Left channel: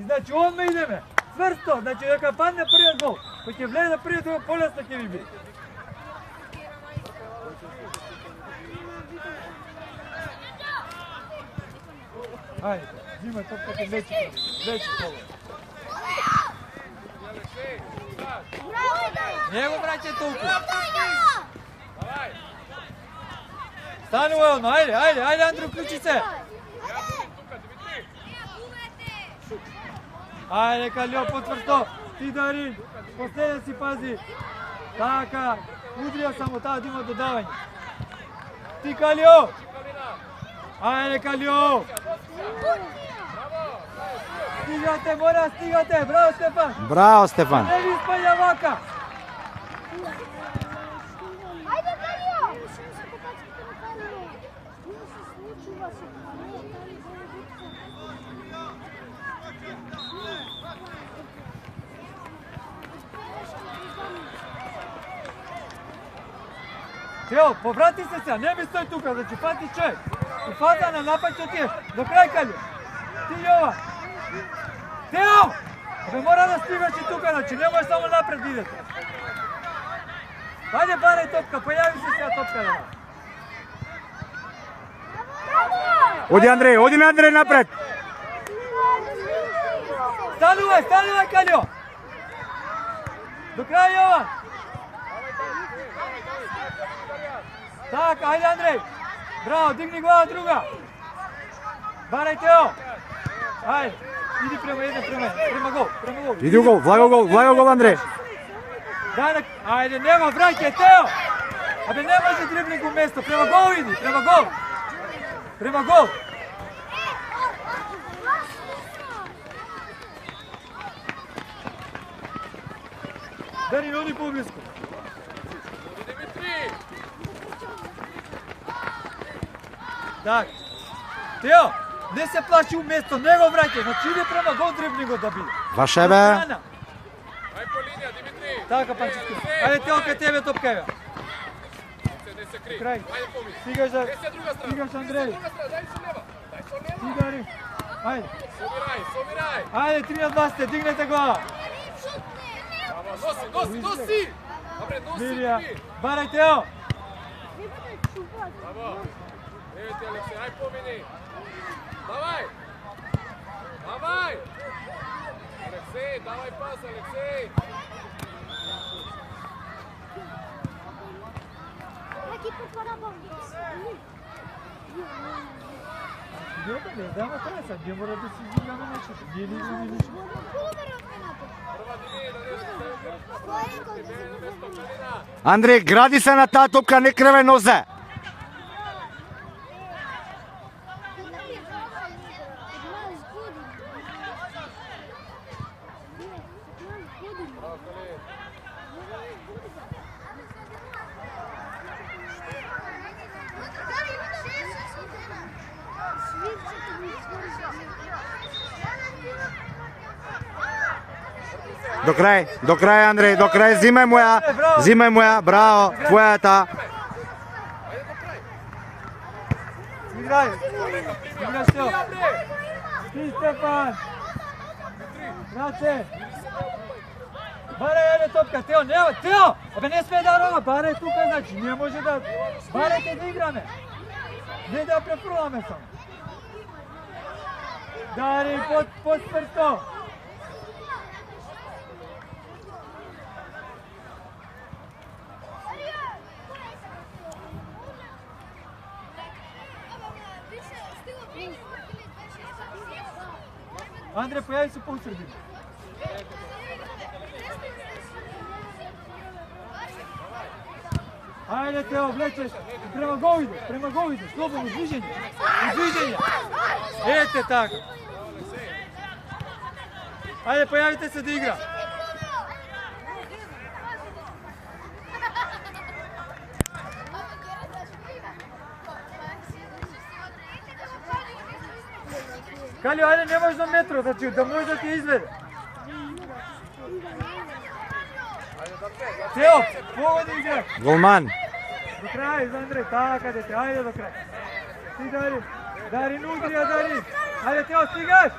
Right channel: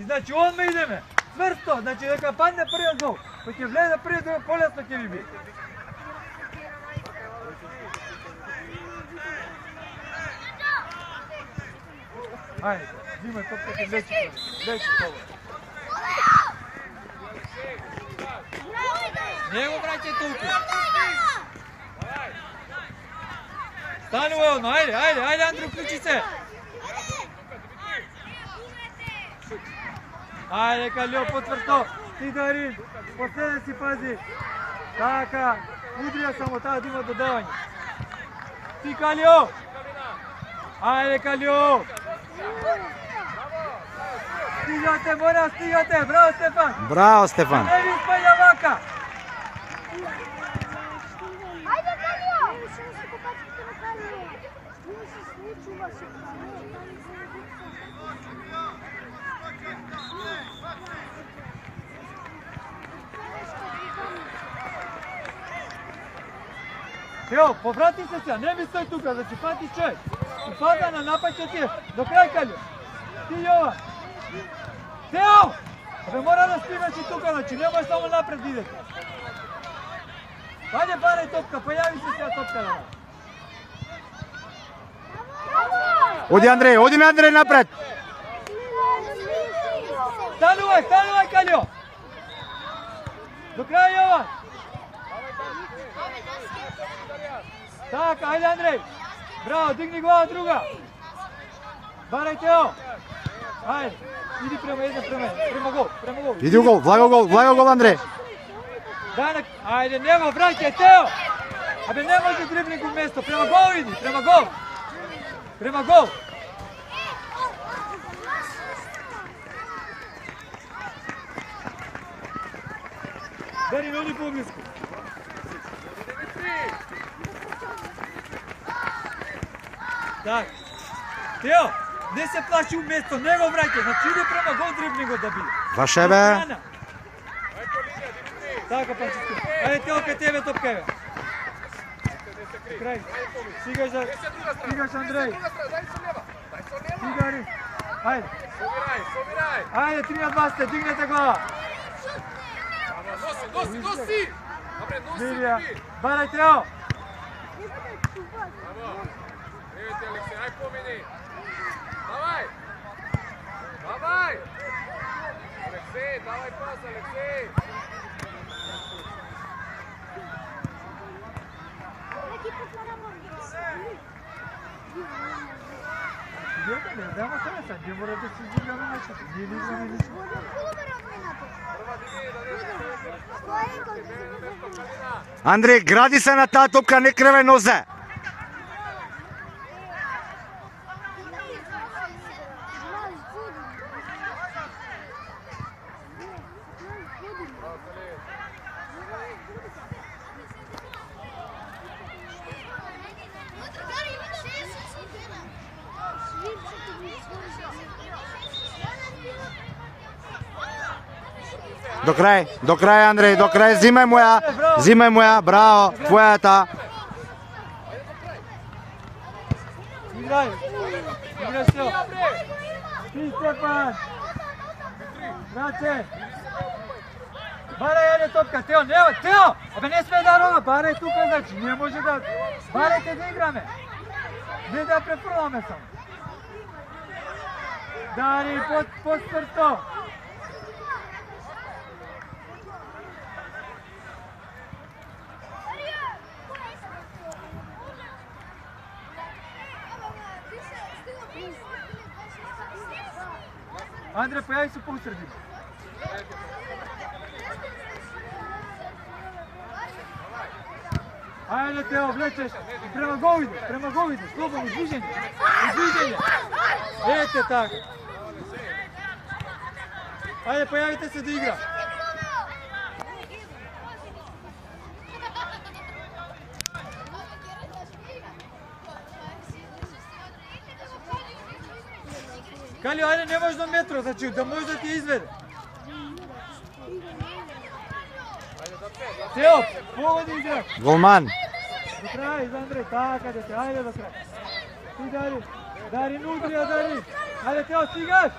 И значи одма идеме. Цврсто, значи дека падне првиот гол. Кој ќе влезе првиот, полесно ќе ви биде. Ајде, взимај топката лечи тоа. Не го враќај толку. Стани Уелма, ајде Андро, уклучи се. Ајде Калио, потврсто. Ти Дарин, по себе си пази. Така, удрија само таа дума додавање. Ти Калио. Ајде Калио. Стигате, мора, стигате. Браво Стефан. Браво Стефан. Не ви спаѓа вака. Ајде Калио. Тео, поврати се сега, не ми стои тука, значи пати човек. И фаза на напаѓањето ти е до крај Калио. Ти Јова. Тео! Бе мора да стигаш и тука, значи не може само напред идете. Дајде барај топка, појави се сега топка да. Оди Андреј напред. Станувај Калио. До крај Јова. Така, ајде Андреј. Браво, дигни глава друга. Барај Тео. Ајде, иди према гол. Иди у гол, влаго гол Андреј. Ајде, нема, враќај Тео. Абе, не може дриблинг у место, према гол иди, према гол. Дарин, оди поблиску. Так, Тео, не се плаши у место, не го враќај, значи иди према гол дриблингот да биде. Ваше бе. Така, Панчиско. Ајде Тео, кај тебе топка е. Крај. Стигаш Андреј. Стигари. Ајде. Ајде, 3-2 сте, дигнете глава. Мирија, барај Тео. Алексей, помени! Давай! Алексей, давай пас, Алексей! Дајмо колеса, гдje мора да се измени нешто, гдje не измени нешто. Андреј, гради се на таа топка, не креве нозе. До крај Андреј, до крај, зимај му ја, браво, твојата. Играј Стео. Ти Стефан. Раче. Барај јаде топка, Тео, Тео! Абе не сме да рога, барај тука, значи, не може да... Барајте да играме. Не да префрламе само. Дари, под прсто. Андре, појави се по усредина. Ајде Тео, влечеш. Према гол иде, слободно, движење. Ете така. Ајде, појавите се да игра. Калио, ајде, не можеш до метро, значи да може да ти изведе. Тео, погоди игра. Голман. До крај, за Андреј, така дете, ајде до крај. Ти Дарин, Дарин удрија, Дарин. Ајде Тео, стигаш.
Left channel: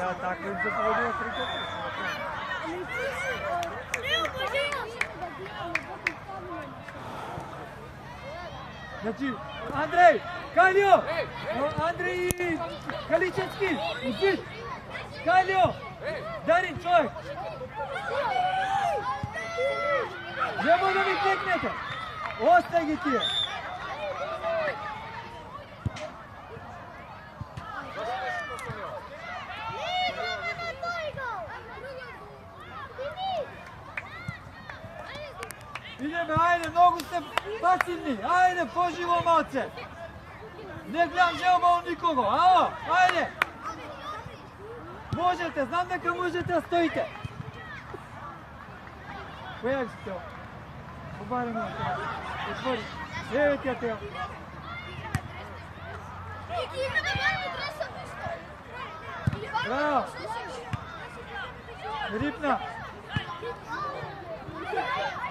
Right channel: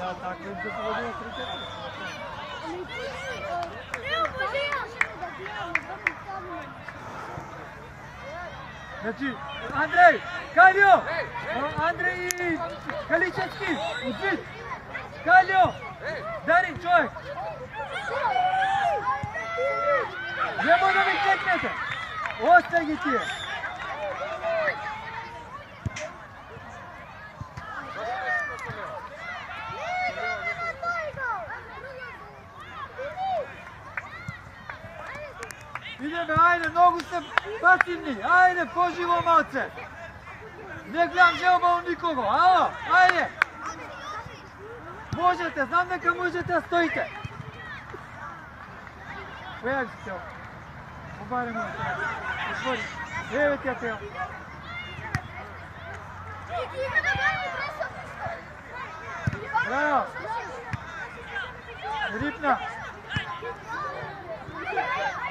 Ja, tako im se povedio krikati. Znači, Andrej, Kaljo, Andrej i Kaličevski, uzbit, Kaljo, Darin čovjek. Nemo da mi teknete, ostaje ti je. Ideme, ajde, mnogo ste pasivni, ajde, poživo malce. Ne gledam želba u nikogo, alo, ajde. Možete, znam da kad možete, a stojite. Evo si teo, obarimo na teo, otvori, evo ti ja teo. Bravo. Ripna.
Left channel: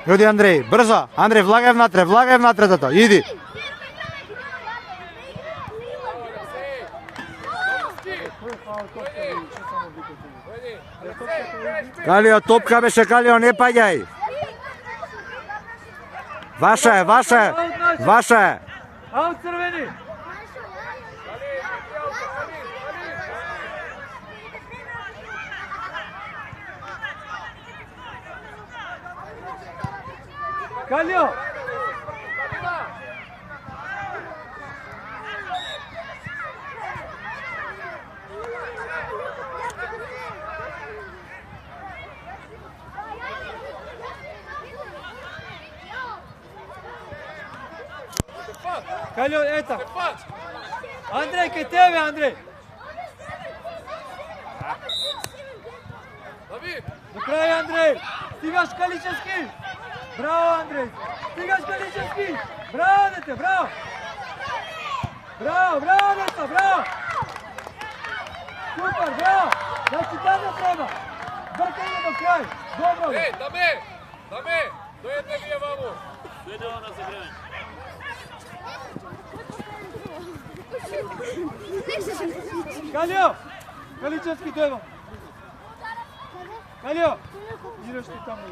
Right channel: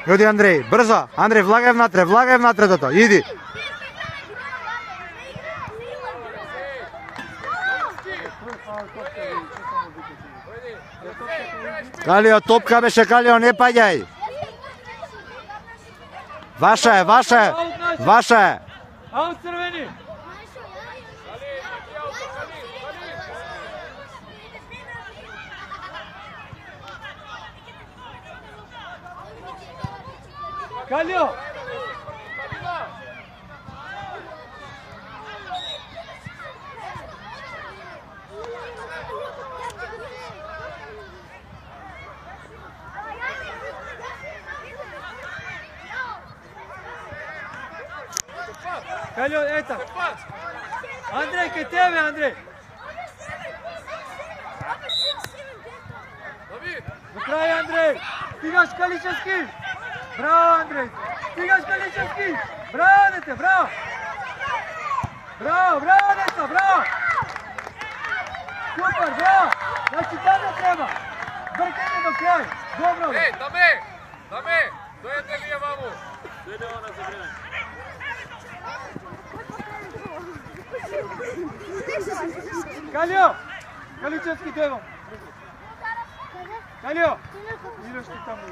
Ljudi Andrej, brzo, Andrej, vlagaj внатре тато, иди. Калио, топка беше, Калио, не паѓај. Ваша е. Ау, crveni. Kaljo! Kaljo, eta! Andrej, kaj tebe, Andrej! Do kraja, Andrej! Stigaš Kaličevski! Bravo, Andrej! Stigaš Kaličevski! Bravo, dete, bravo! Bravo, dete, bravo! Super, bravo! Znači, tada treba! Brkanje do kraja! Dobro! Ej, dame! Do jedne nije vamo! Kaljo! Kaličevski devo! Kaljo! Ideš ti tamo.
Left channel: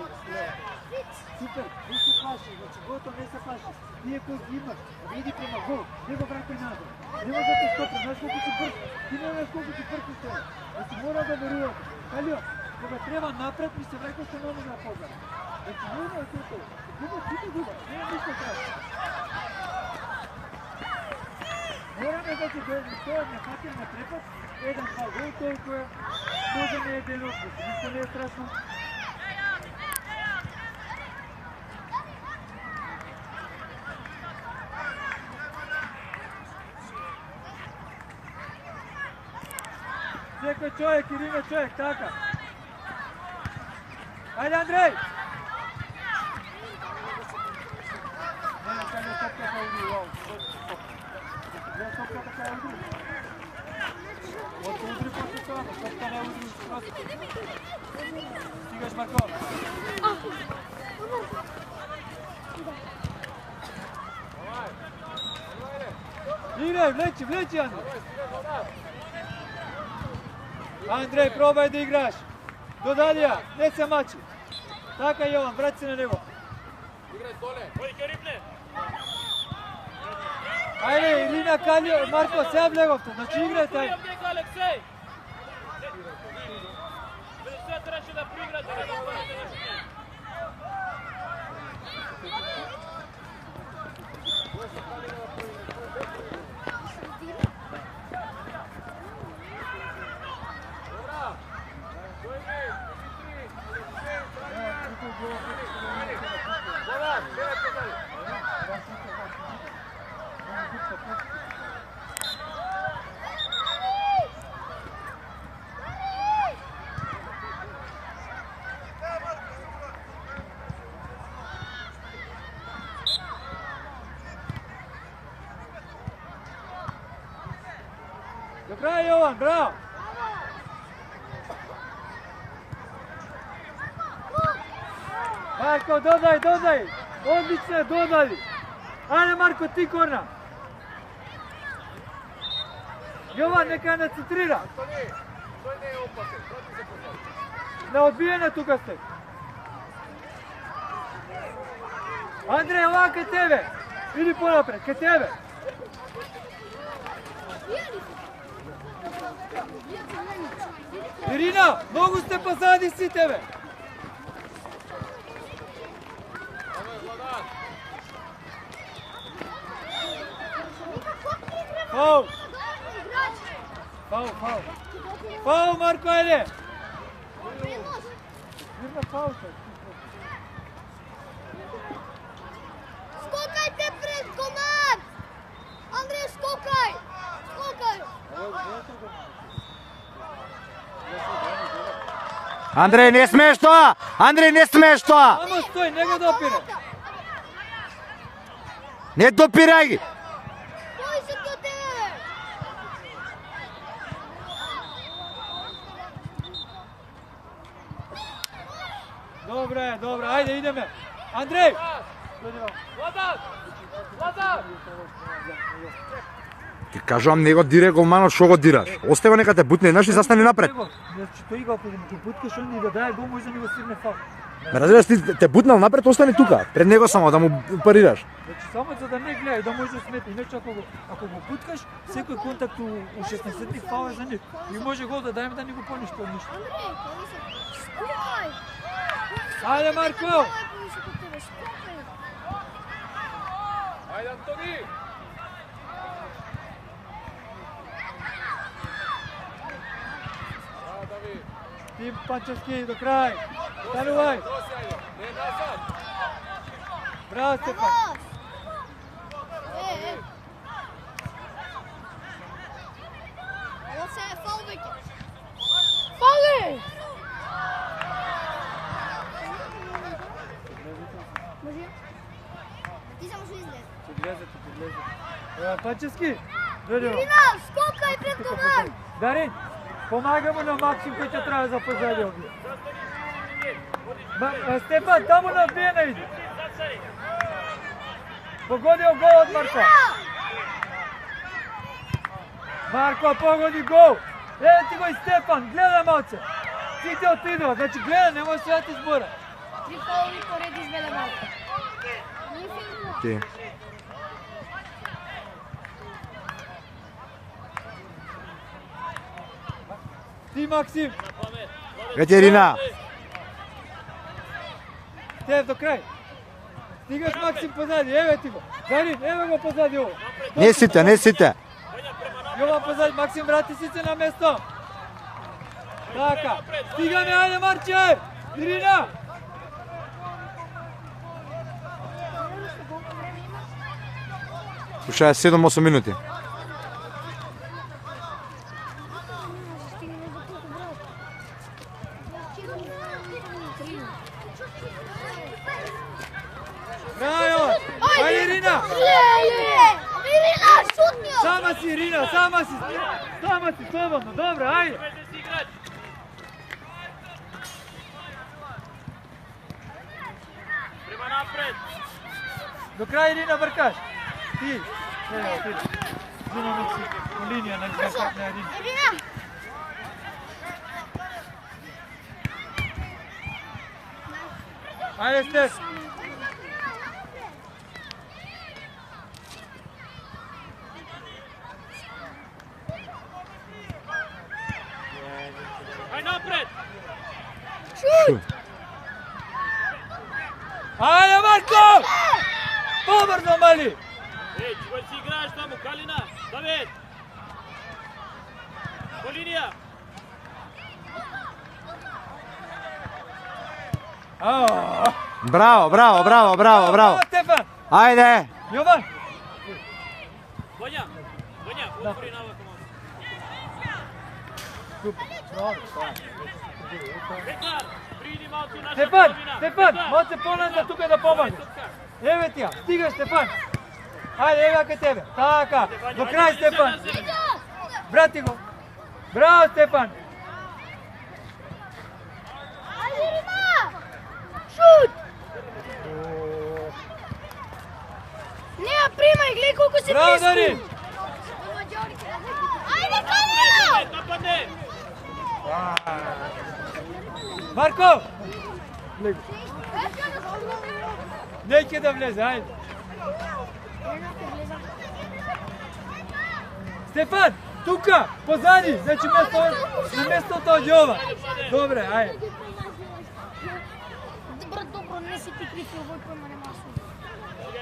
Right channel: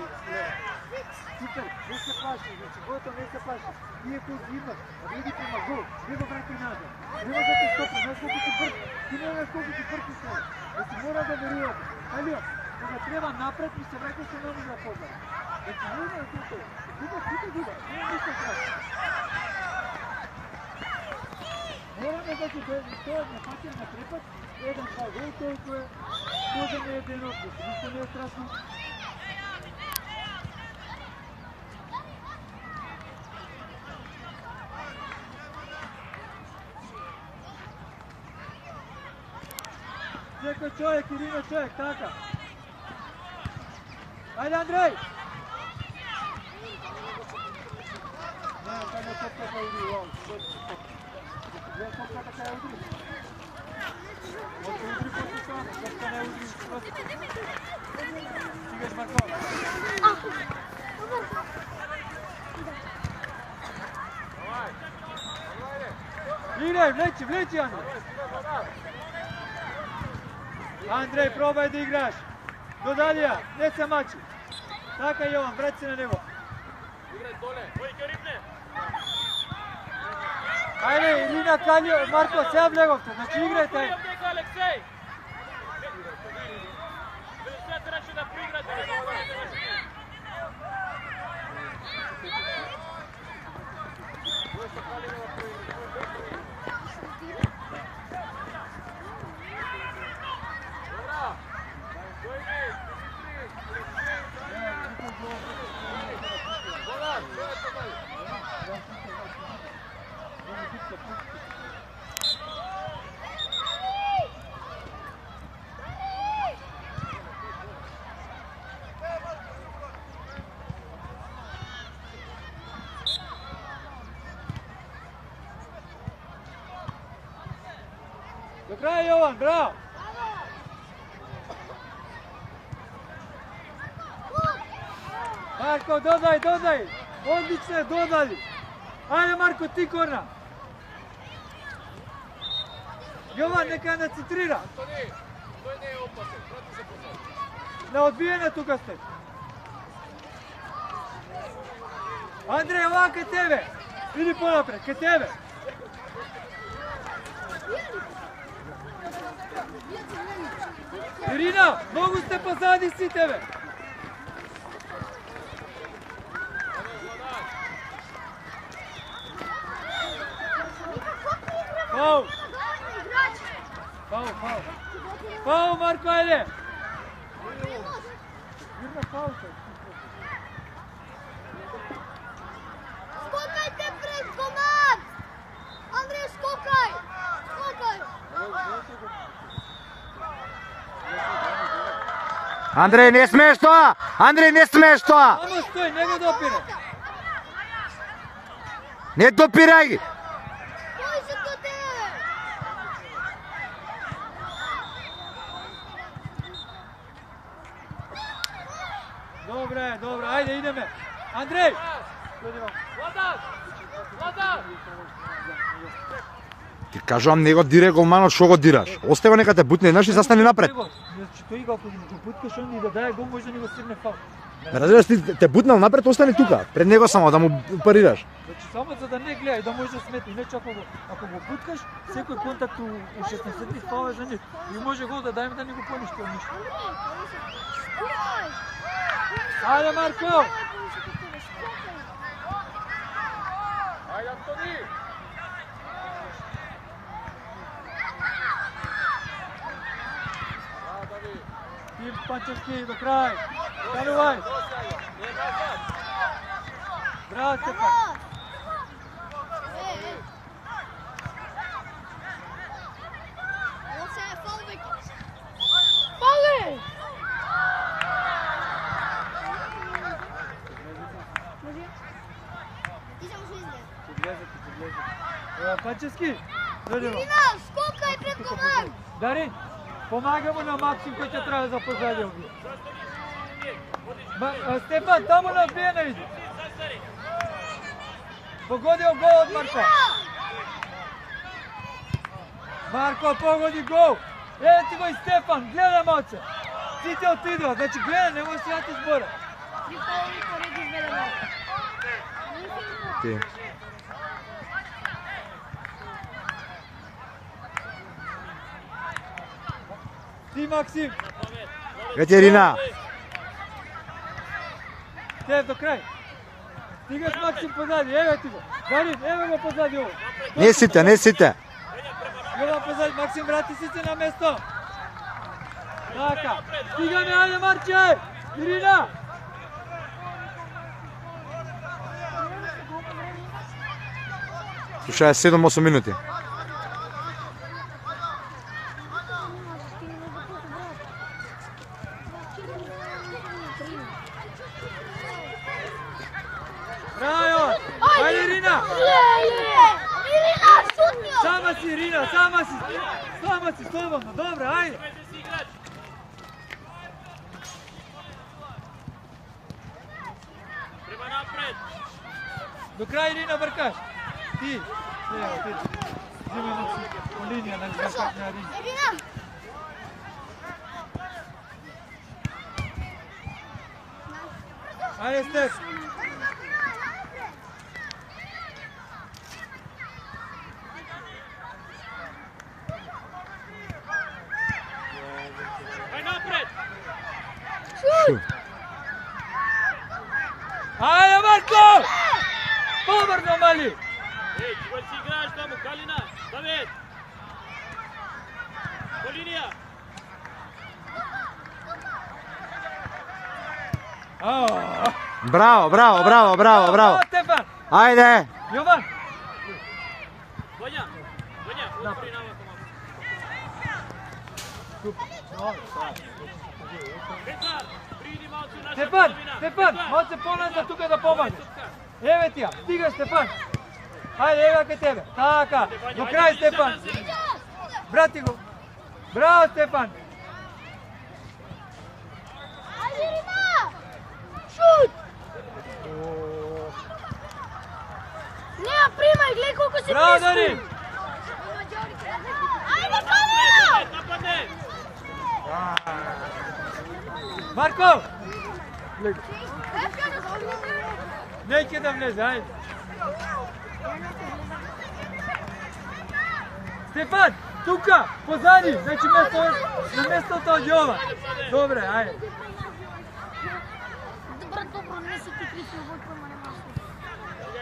Super, ne se plaši, znači gotovo ne se plaši. Nije ko zima, vidi prema golu, nego vrati nazad. Nemo da te stopra, znaš koliko ti brz, ti moraš koliko ti brz u sve. Znači mora da verujete. Kaljo, kada treba napred, mi se vrati što nema na pozdrav. Znači nema da to. Ide, nema ništa traži. Moramo da ti stoje na katir na prepad, jedan kao gol, toliko je, možda ne je delo, ništa ne je strašno. Čekaj čovjek, Irina čovjek, taka. Ajde Andrej! Ne, kad je topka kao igri, wow. Stigaš Marko. Igraj, vleči Andrej. Andrej, probaj da igraš. Do dalja, ne se mači. Taka Jovan, vrati se na nivo. Igraj dole! Ajde, Irina, Kaljo, Marko, sve Blegovka, znači igrajte. Ajde. Do kraja Jovan, bravo! Marko, dodaj! Одлично е, додали. Ајде Марко, ти корна. Јован, нека ја нацентрира. Антони, тој не е опасен. Прати се позади. На одбиење тука сте. Андреј, ова кај тебе. Иди понапред, кај тебе. Ирина, многу сте позади си тебе. Фаул. Фаул, фаул. Фаул, Марко, ајде. Ирина, фаул. Скокајте пред команд! Андреј, скокај! Скокај! Андреј, не смееш тоа! Андреј, не смееш тоа! Само стој, не го допира. Не допирај ги! Кој се до тебе? Добре, добре, ајде, идеме. Андреј! Владан! Владан! Ти кажувам, не го дире голманот, шо го дираш? Остави го нека те бутне, еднаш и застани напред. Значи, тој го, ако го буткаш, он и да даде гол, може да ни го стигне фаул. Ме разбираш, ти те бутнал напред, остани тука. Пред него само да му парираш. Значи, само за да не гледа и да може да сметне. Иначе, ако го буткаш, секој контакт у 16-ти фаул е за него. И може гол да даде да ни го поништи од ништо. Ајде, Марко! Ајде, Антони! Ајде, Давид! Ти Панчевски до крај. Станувај. Не назад! Браво, Стефан. Ово се е фаул веќе. Фаул! Може? Ти само што излез. Ќе гледате. Панчевски. Дадемо. Ирина, скокај пред команд! Дарин, помага му на Максим кој ќе треба за позади овие. Стефан, таму на бена иди. Погодил гол од Марко. Марко погоди гол. Еве ти го и Стефан, гледа малце. Сите отидува, значи гледа, нема се јато збора. Три фаули поред изведено. Ти. Ти Максим, Етерина. те до крај. Стигаш Максим позади, еве ти го. Дарин, еве го позади ово. Не сите, не сите. Јова позади, Максим врати сите на место. Така, стигаме, ајде Марче! Ирина! Слушај, 7-8 минути. Браво! Ајде Ирина! Ирина, шутниот! Сама си Ирина, сама си! Сама си, слободно, добро, ајде! До крај Ирина бркаш. Ти. Ево, ти. Взимаме си линија на бркаш на Ирина. Ирина! Ајде Стеф. Ајде Марко! Побрзо, мали! Ей, ќе го си играеш таму, Калина, Давид! По линија! Браво, браво, браво, браво, браво. Стефан! Ајде. Јован! Вања, отвори на овако. Петна, приди малку наша Стефан! половина. Стефан! Може се поназад тука да помага. Еве ти ја, стига Стефан! Ајде, ева кај тебе. Така, до крај Стефан! Брати го! Браво Стефан! Ајде, Ирина! Шут! примај, гледай колку си Браво, близко. Дарин! Ајде, Калио! Нападне! Марко! Неќе да влезе, ајде. Стефан, тука, позади, значи на местото од Јова. Добре, ајде. Добро, не си ти крив, Војко, ма нема шо.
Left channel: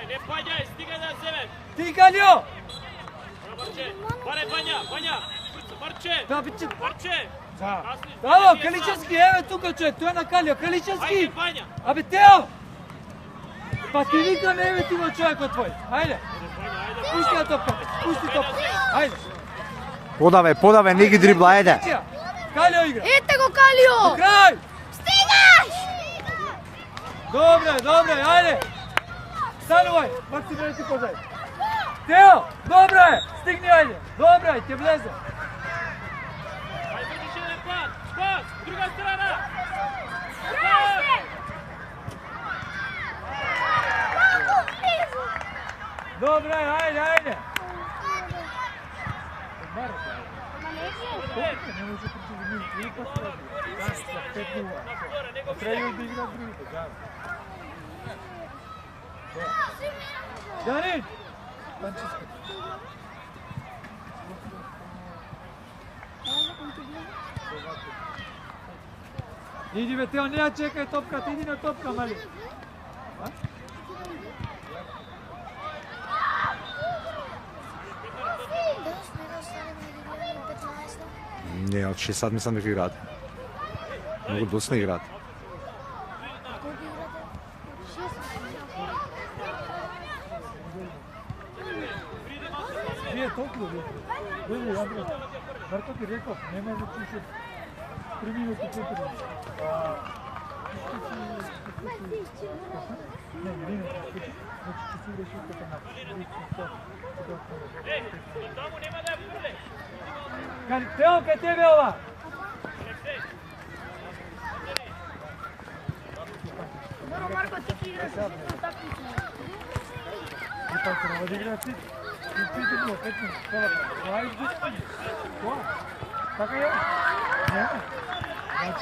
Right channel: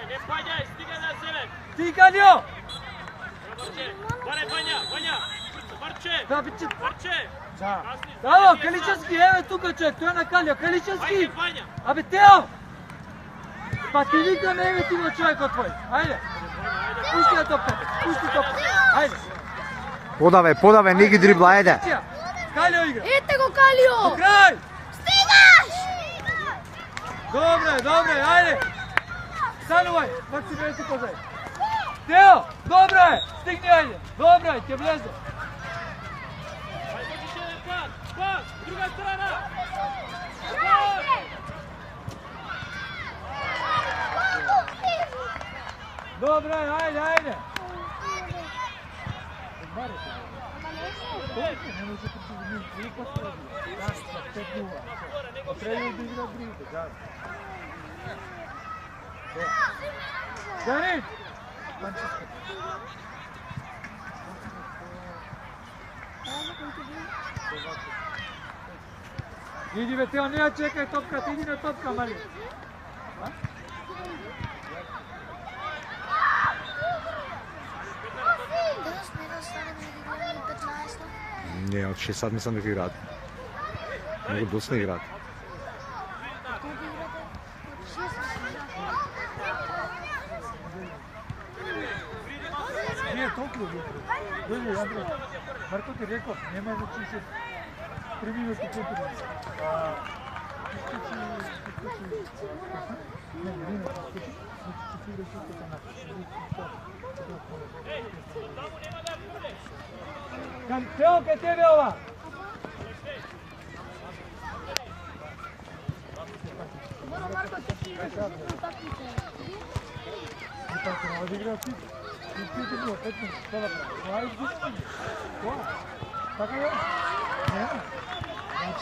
Не паѓај, стига да себе! Ти, Калио! Баре, Вања! Марче! Да, биче. Марче! Ало, Каличевски, еве тука човек, тој е на Калио. Каличевски! Ајде, Вања! Абе, Тео! Па ти викаме, еве ти го човекот твој. Ајде. Пусти ја топката, пусти топката. Ајде. Подаве, не ги дрибла, ајде. Калио игра. Ете го, Калио! Крај! Стигаш! Добре, ајде. Станувај, Максиме тука зај. Тео, добро е, стигни ајде. Добро е, ќе влезе. Пас! Друга страна! Добро е, ајде. Не може причи за нив, три пасови. Пет нула. Треба да игра другите, заедно. Дарин! Иди бе, Тео, не ја чекај топката, иди на топка, мали. Не, од 6 сат мислам дека играат. Многу доста играат. Не, толку е. Дојде, Андре. Марко ти реков, нема да ти се преминути потреби. Тео, кај тебе ова?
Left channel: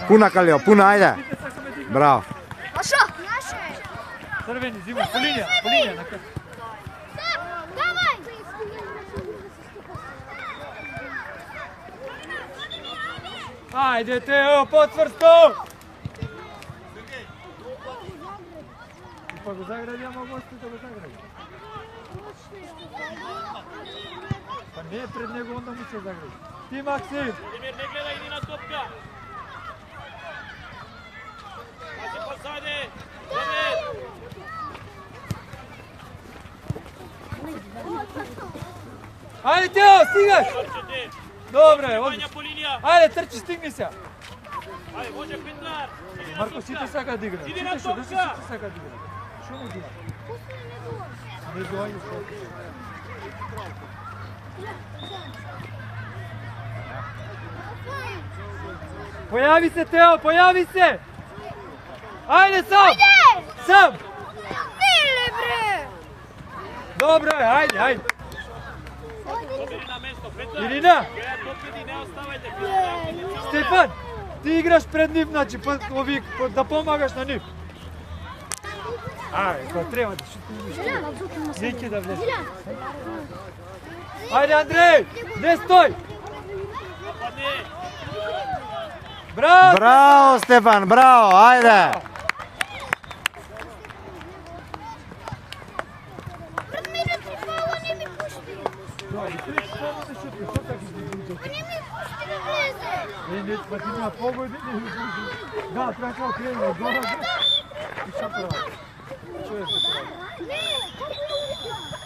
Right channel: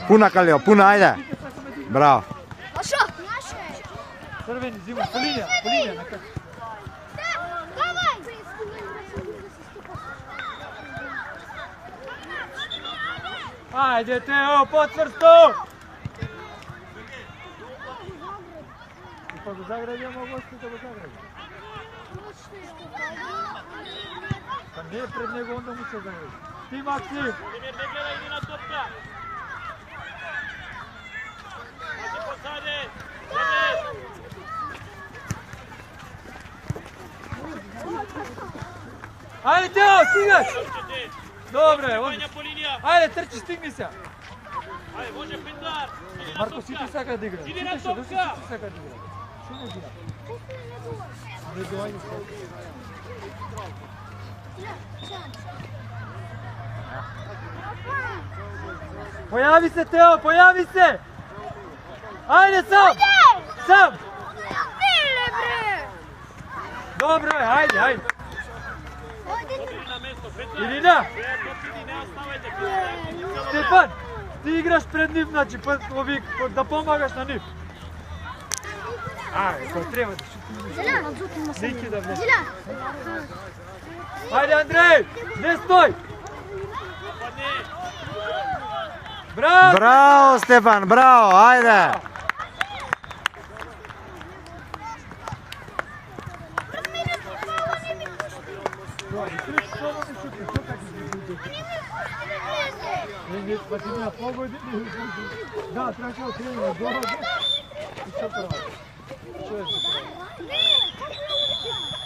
Пуна, Калио, пуна, ајде. Браво. Пошо! Црвени, зима, по линија, нека. Ајде, Тео, потврсто! Па го загради, ама гости да го загради. Па не пред него, онда му се загради. Ти, Максим! Пример, не гледај, иди на топка! Позади! Ајде, Тео, стигаш! Добре, Вања одиш. по линија! Ајде, трчи, стигни се. Ајде, може Пиндар! Марко, сите сака да игра. Иди на Сите топка! сака да игра. Шо не игра? Не доаѓа спорт. Појави се, Тео, појави се! Ајде сам! Сам! Миле, бре! Добро е, ајде. Иди на место, Пиндар! Ирина, Иди, не оставајте! Стефан, ти играш пред нив, значи, да помагаш на нив. Ајде, треба да шутиш. Неќе да влез. Ајде, Андреј, не стој! Браво! Браво, Стефан, браво, ајде. Не, па ти на погоди. Да, треба да окренем на гола. И што прави? Што е се прави?